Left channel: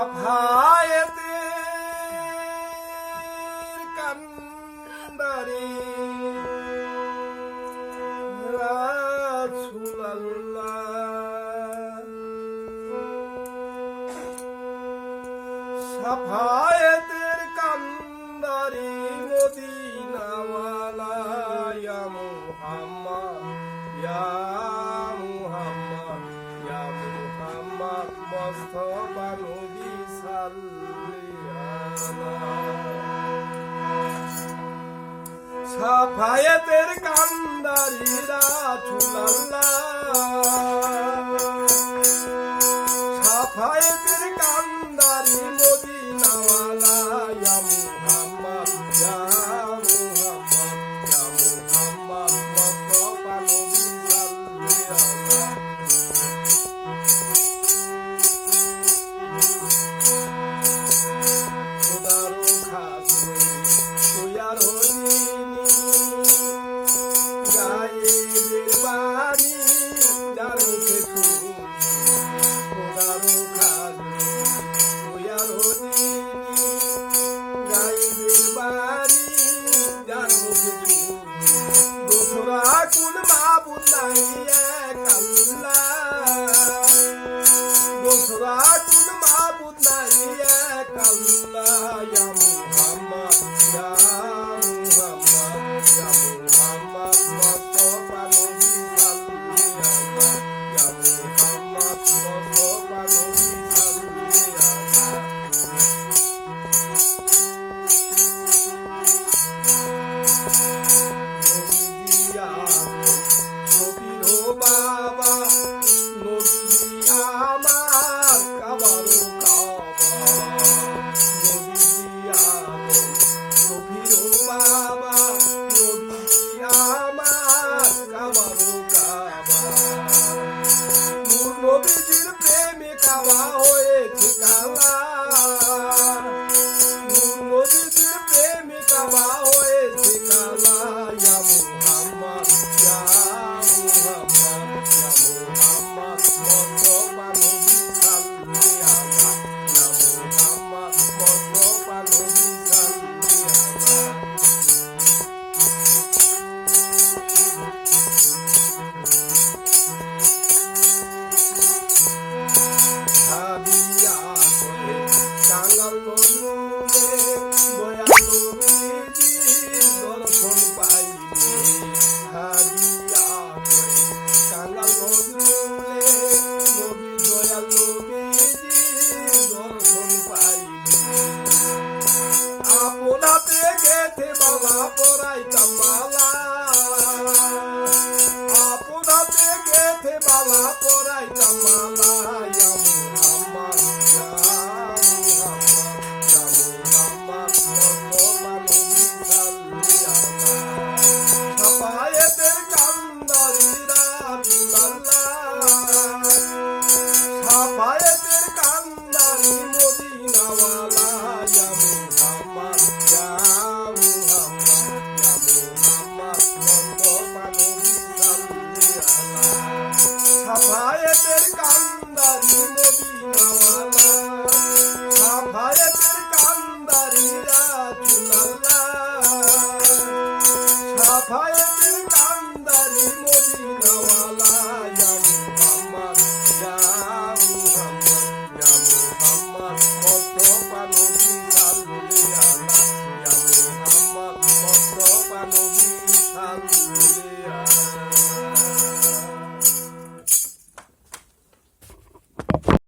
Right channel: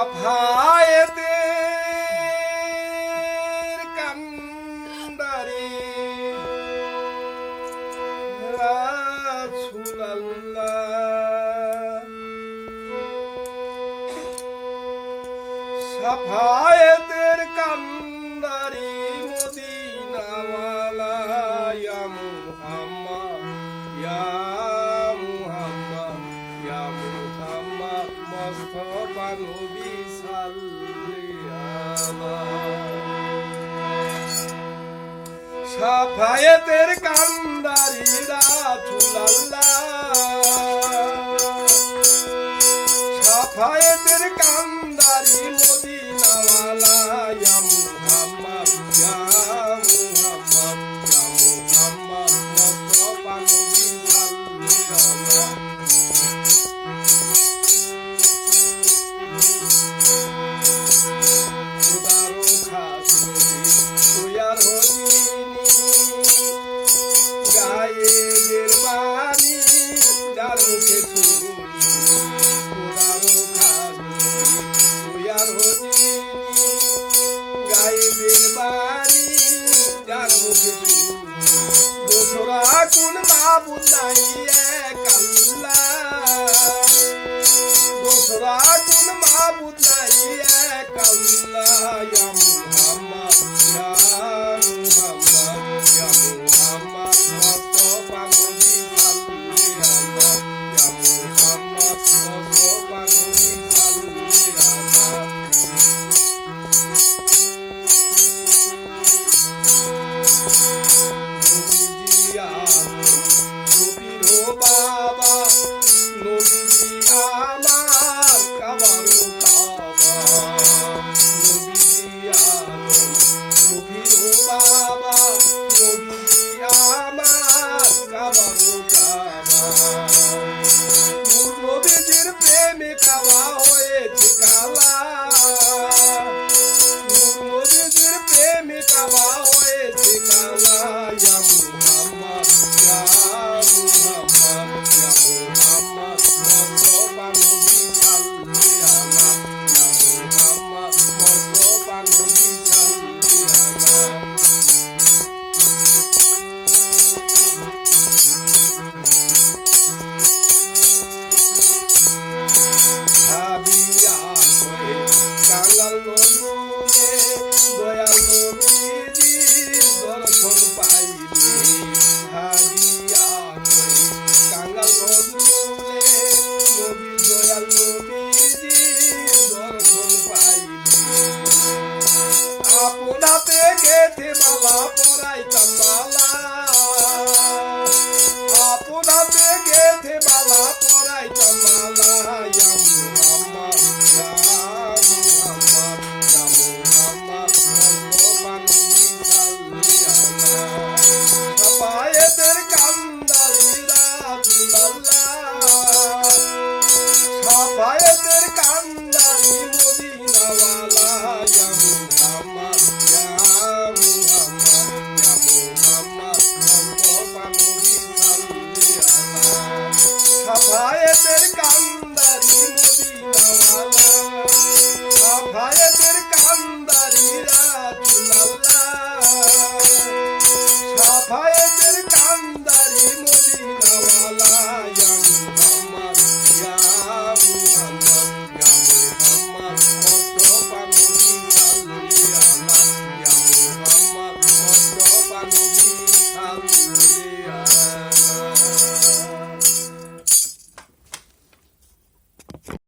অভায়তের কান্দারে রাসুলাল্লাহ সাফায়েতের কান্দারে সাফায়েতের কান্দারিরা ছুলাল্লা 不满意 बाबा Cathay বাবা পড়াইতাম মালা আপনাতে গেথে বাবা পড়াইতাম মালা Vai,